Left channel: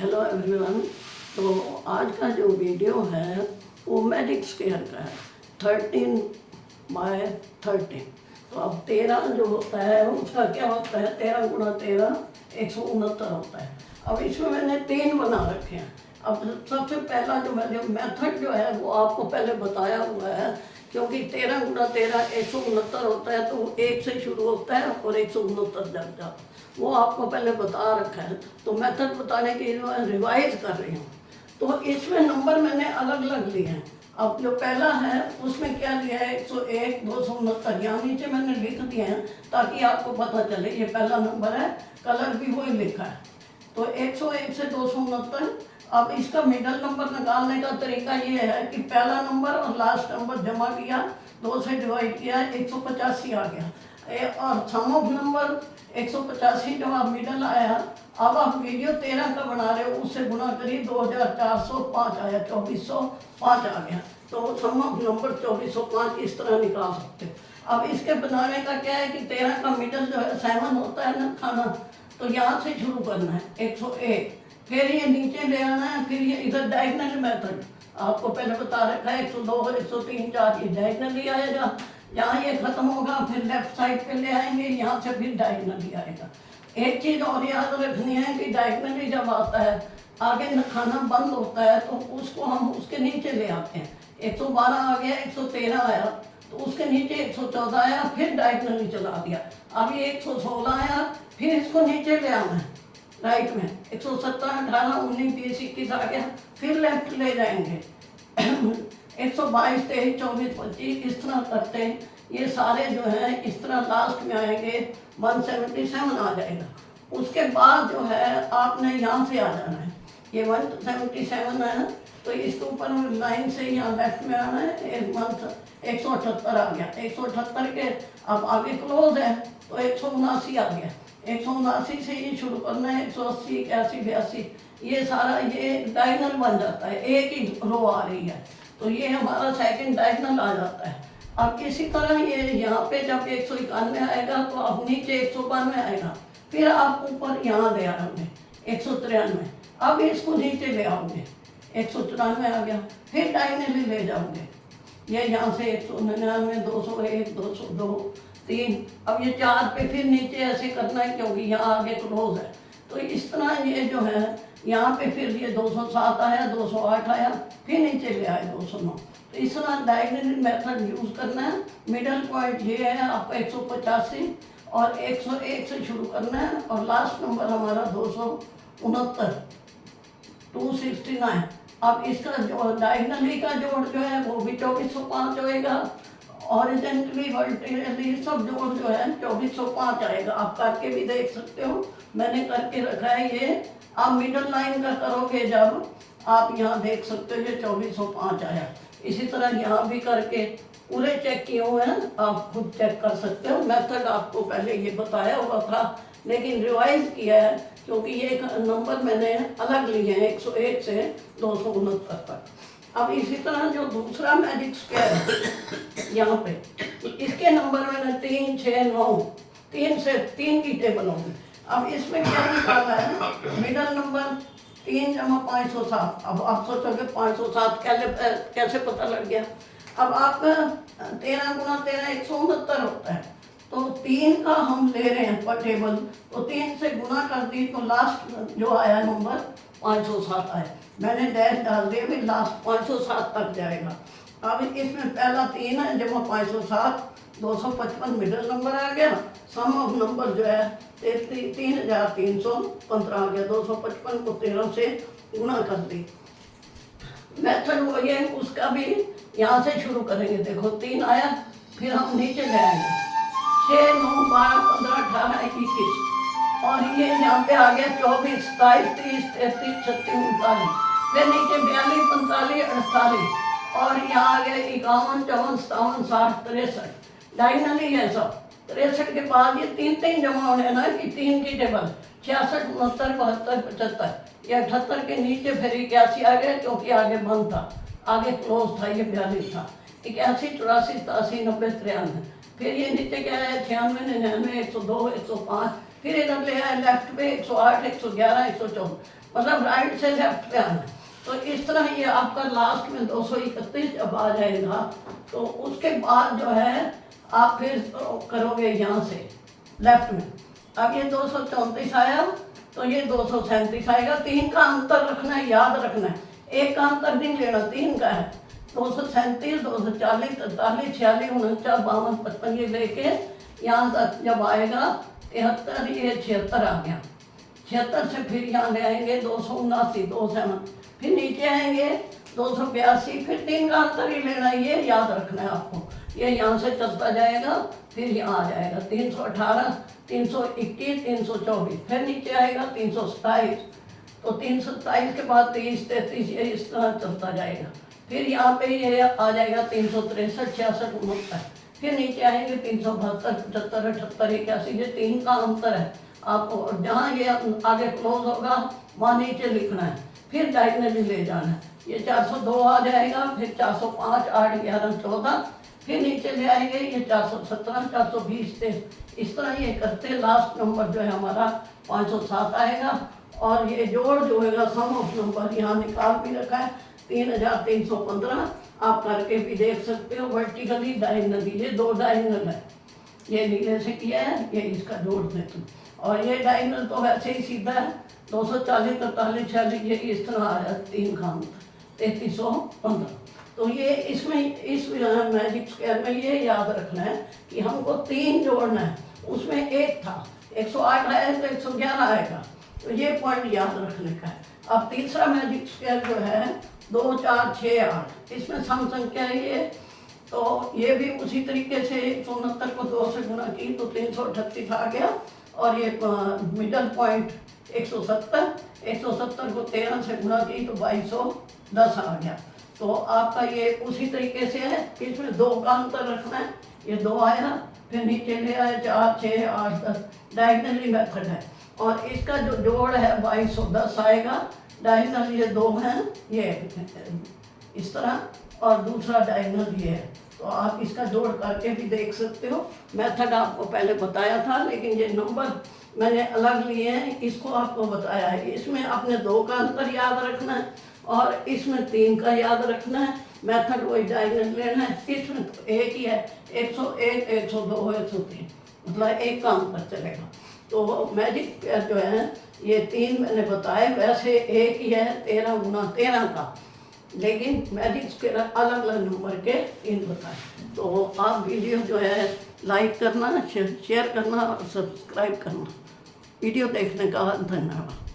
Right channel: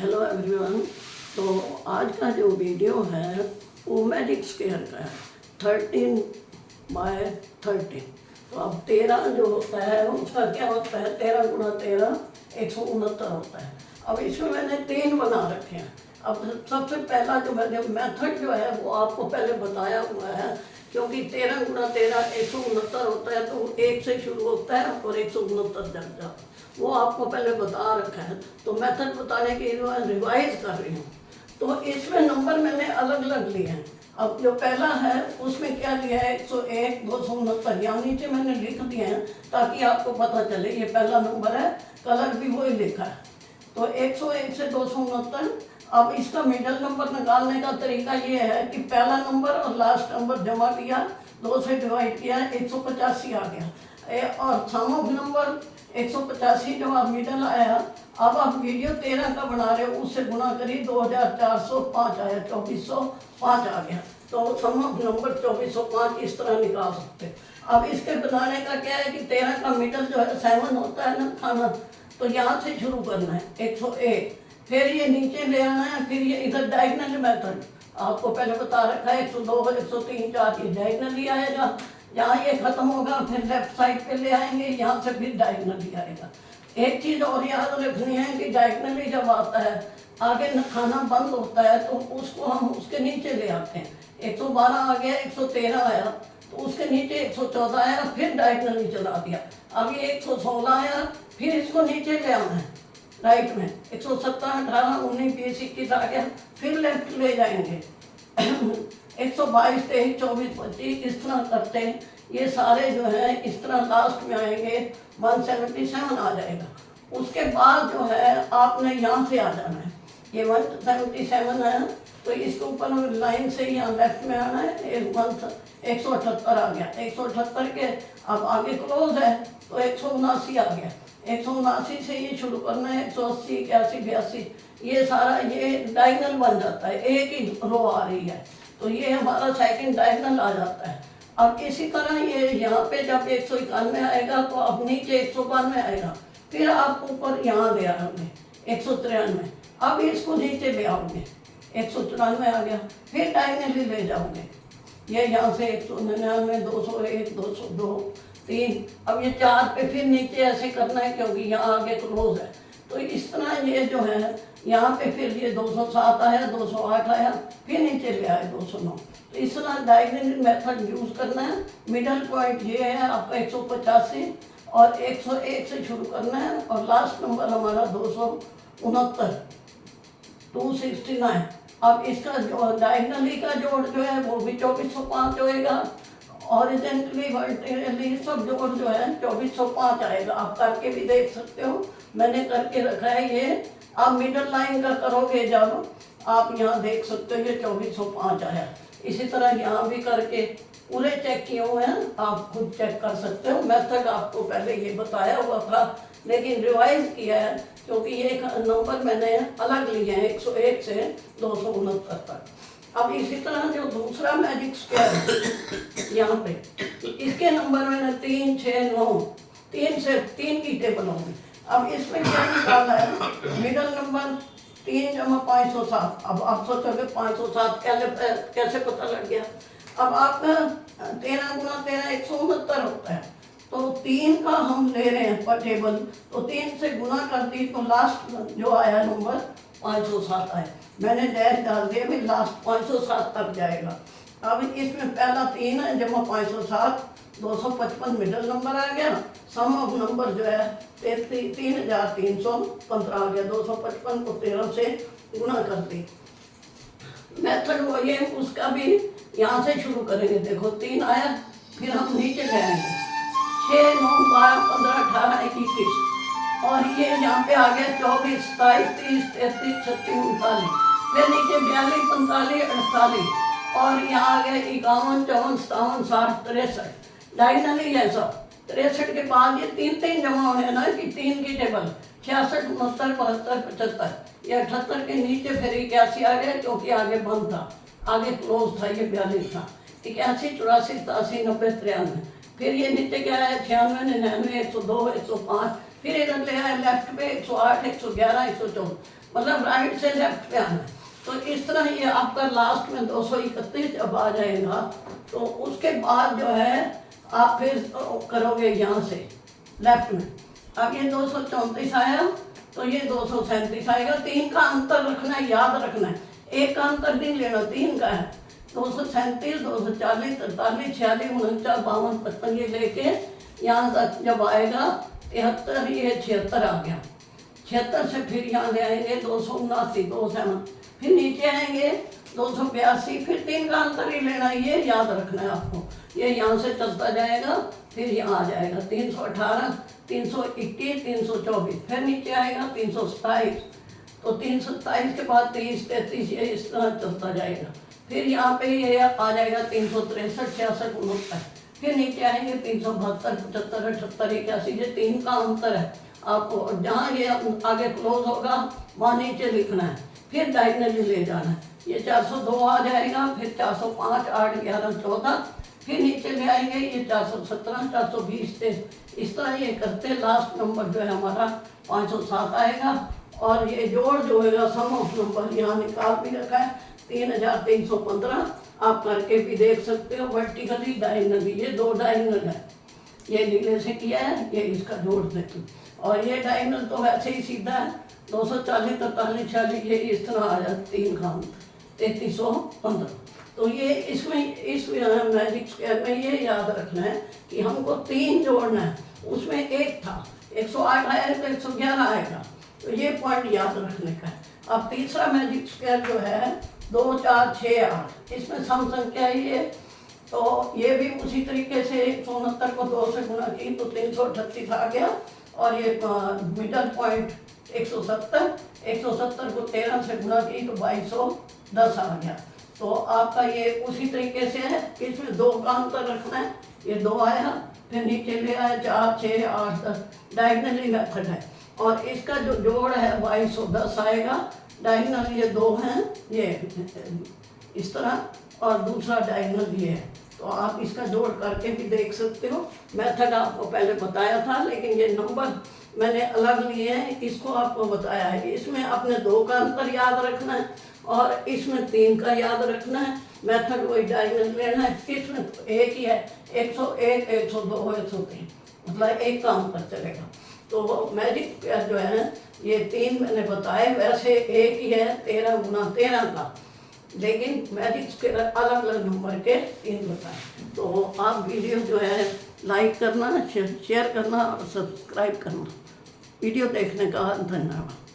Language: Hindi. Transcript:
Hello everyone. तो आज का जो वीडियो है वो मैजिक स्क्वायर का है 13/13। तो अब 13 जो होता है उसका क्या होता है, 13 × 13 169 होता है। अब इसमें मैंने 3 बना रखे हैं। अब सबसे पहला जो मेथड जो है वो आपको पहले बताया हुआ है, क्योंकि 13 × 13 169 होता है, तो 1 से शुरू होता है और 169 तक जाता है। वो आपको पहले बता रखा है, तो मेथड बताने की रिवाइज कर रही हूँ। तो इसमें नंबर मैंने अलग अलग लिए हैं। अब जो पहला है उसमें क्या लिया है, 101 269 यहाँ नीचे मैंने लिख दिए हैं ताकि आपको पता चले ये पहला नंबर है। कलर भी वही लिखा है। तो 101 से 269। अब इसका मिडल नंबर निकालने का तरीका ये है कि पहला नंबर और लास्ट नंबर जमा किया, 2 से डिवाइड किया, 185 आ गया। और सम ऑफ नंबर 185 जब आप मिडल आया, अब आप वीडियो 13 का बना रहे हो, उससे गुना करिए, 2405 आया, 2405 आ गया। तो सम ऑफ नंबर 2405 इस तरह निकाल सकते। अब इसके बनाने का क्या है कि 13 का मिडल जो है 7 होता है ना खाना, तो यहाँ से शुरू करना है 101, फिर ये नीचे ले आना है, फिर ये इधर डायगनल मेथड आपको पहले बता रखा है, 102 103 4 ये डायगनली आएगा। जहाँ ये खत्म होगा फिर लेफ्ट साइड पे ले आएंगे, यहाँ से फिर डायगनली आएगा। एक चीज़ और याद रखनी है कि डायगनली जब आता है आगे खाना बंद होता है, तो उसको हम उसके नीचे ले आते हैं। 112 आ गया, 113 आया, तो उसके नीचे 114 आया, फिर डायगनली चला दिया। अब ये 116 आया, फिर इसको नीचे ले आना है राइट में, 117 18 19 20 21 आ गया, फिर लेफ्ट ले जाएंगे 122 23 24 25 इस तरह करते हैं। ये सारे जो हैं इस तरह लास्ट में आएंगे, 177 आ जाएगा। उसके बाद जो है आपने यहाँ से आ जाना है, ये 177 है, तो इसके ऊपर लाइन से यहाँ लेफ्ट में आना है, 178 आ गया। 178 के अब आगे क्लोज है, तो 179 आ गया। 179 से ये शुरू करना है, 180 81 82 ये सारा ये डायगनल बन जाता है, एक ही रो आ रही है, तो ये हमारा सेकंड डायगनल आ जाता है। अब इसी तरह ये यहाँ पे जब 191 आएगा तो अब नीचे 192 आएगा, फिर आप ऊपर यहाँ ले आओगे 193, अब इसको नीचे ले आओगे 194 आ गया, फिर डायगनली ले जाओगे ये यहाँ से 199 201 202 3, अब ये 4 पे फिर नीचे ऐसे करना है क्योंकि यहाँ आगे क्लोज है। तो इस तरह ये जो है यहाँ पे फिर ये 207 आया, 208 आया, फिर नीचे ले आए 209। तो इस तरह डायगनल मेथड यूज़ करना है। मिडल पॉइंट ये है आपका 185 और 101 से शुरू करना है, और लास्ट नंबर हमारा 269 269। अब इसका जो डायगनली का जोड़ जो है वो भी 2405 होएगा, ऑरिजेंटली वर्टिकली सब जोड़ जो है 2405 आएगा। आप करके भी देख सकते हो, मैंने करके रखा है ये। आप मिडल लाइन का करोगे जब आप यहाँ देख सकते हो ये 2405 आया। इसी तरह यहाँ भी करके पूरे चेक किए हुए हैं, आप खुद चेक कर सकते हो। मेथड आपको पहले ये बताया हुआ था, लेकिन रिवाइज किया है क्योंकि ये नंबर मैंने अलग लिए हैं 101 से 269 तक। अब इसी तरह जो दूसरा मैजिक स्क्वायर है यहाँ पे, इसके नंबर मैंने 3 6 9 3 से 3 की टेबल होंगी। अब इसमें क्या निकालना है, मिडल नंबर 3 × 507। अब आप सोचोगे 507 कैसे पता लग गया। अब आपका 13 × 13 169 होता है, तो 3 का हम ले रहे हैं पर टेबल, तो 3 से गुना कर दी तो लास्ट जो आया नंबर 507 आया। मैंने डैश डाल दिया भी लास्ट 507 तक जाएगा। अब इसमें पहला 3 है जमा 507, 255 मिडल नंबर आ गया। सम ऑफ नंबर जो है 3315 आ गया। 255 को 13 से गुना कर दी। मेथड वो ये उसका भी यहाँ से शुरू करेंगे। देखो 3 आया, फिर हम नीचे ले आएंगे 6 9 12 15 18 21, और ये यहाँ पे आ गया 24 27 30 33 36 39, फिर नीचे 42 45 48, और यहाँ आ गया 51 54 57 60 63। डायगनली है सब। 63 के बाद ये 3 जमा होने ना कि 3 की टेबल 66 69 72 75, ये 78 के नीचे फिर 81 आ गया क्योंकि आगे बंद था, आगे क्लोज था, ये 42 था। 81 84 87 90 93, फिर ये नीचे क्या है 96 99 102 105, फिर इधर ले आए लेफ्ट पे 108 111 114। मतलब राइट से लेफ्ट पे आना। तो इस तरह ये आपका लास्ट में 231 जब आ जाएगा तो उसके बाद जो है आप फिर करोगे यहाँ से लेफ्ट में। अब ये 234 आया तो ये 237 आएगा। 3 का अंतर रखना है, याद रखना है, 1 का अंतर नहीं लेना, 3 का है। 237, 240, 43, 46, 49, 52, 55 ये लेके यहाँ तक जब आएगा 73, ये 76 आ गया। 76 से फिर यहाँ ले आएंगे 279, 27, फिर नीचे आएंगे 282, फिर 3 का अंतर ही लेना है, ये याद रखना है आपको। ये यहाँ से चलता जाएगा फिर यहाँ आ जाएगा 318, 321, 324, फिर नीचे आएगा 327। तो 327 के बाद 23, 33 ये इस तरह चलता जाएगा। फिर यहाँ पे ये आ जाएगा 363, 66, 69, फिर नीचे आएंगे 372, 75, 78, 81, ये 3 का अंतर है आपको। जहाँ ये आगे क्लोज होगा वहाँ नीचे लिखना है, फिर डायगनली ले जाना है। ये 402 आ जाएगा, फिर 405, 8, 11, 14, फिर नीचे ले आएंगे ये 417, 420 से इस तरह ये करते लास्ट नंबर जो है हमारा 507 आएगा। और ये जोड़ जो है सम ऑफ नंबर यहाँ निकाल भी रखा है 3315, आप करके भी देख सकते हो वर्टिकली डायगनली। ये 2 डायगनल है, ये नीले से किया है, ये इसका जोड़ देती। और ये डायगनल तो वैसे ही सीधा है 240, 43, 46, ये इस तरह आ जाता 3 का अंत 3315। तो ये इसमें इस मैजिक स्क्वायर में ये याद रखना है कि हमको 3 जोड़ना है, उसमें 1 था 108 आया तो 111 आएगा, तो ये पॉइंट याद रखने का है। अब तीसरा मैजिक स्क्वायर जो है 2, 4, 6, 8, इसमें सम संख्या है ये। तो ये भी उसी तरीके से 169 को 2 से गुणा की तो 338 आ गया। और ये मिडल पॉइंट 170, 170 को 13 से गुणा की तो 2210 आ गया। तो आपका ये उसी तरीके से है, इसमें 2 का अंतर रखना है, ये 2 आया, फिर नीचे ले आया 4, 6, 8, 10, डायगनली मेथड है। और इसका जो जोड़ है 2210 आएगा। डायगनल ये 2 हैं, ये इस तरह, और दूसरा डायगनल ये है। तो आप इसका जोड़ करके भी देख सकते हो। मेथड आपको पहले बताया था, लेकिन ये नंबर मैंने अलग लिए हैं, इसको आपको बताया है। इसमें आपने 2 का अंतर याद रखना है और इसमें 3 का याद रखना है। मेथड वही डायगनल लेना है। इसमें तो एक ही है, 101, 102, 103, मतलब 1 का अंतर चलेगा। तो मैजिक जो है ये 3 मैंने बताए, वैसे एक ही है 13 गुना 13 का, लेकिन मैजिक स्क्वायर अलग अलग नंबर के 3 बताए। तो आप वीडियो जो है लाइक करना, शेयर करना और सब्सक्राइब करना। वीडियो देखने का धन्यवाद।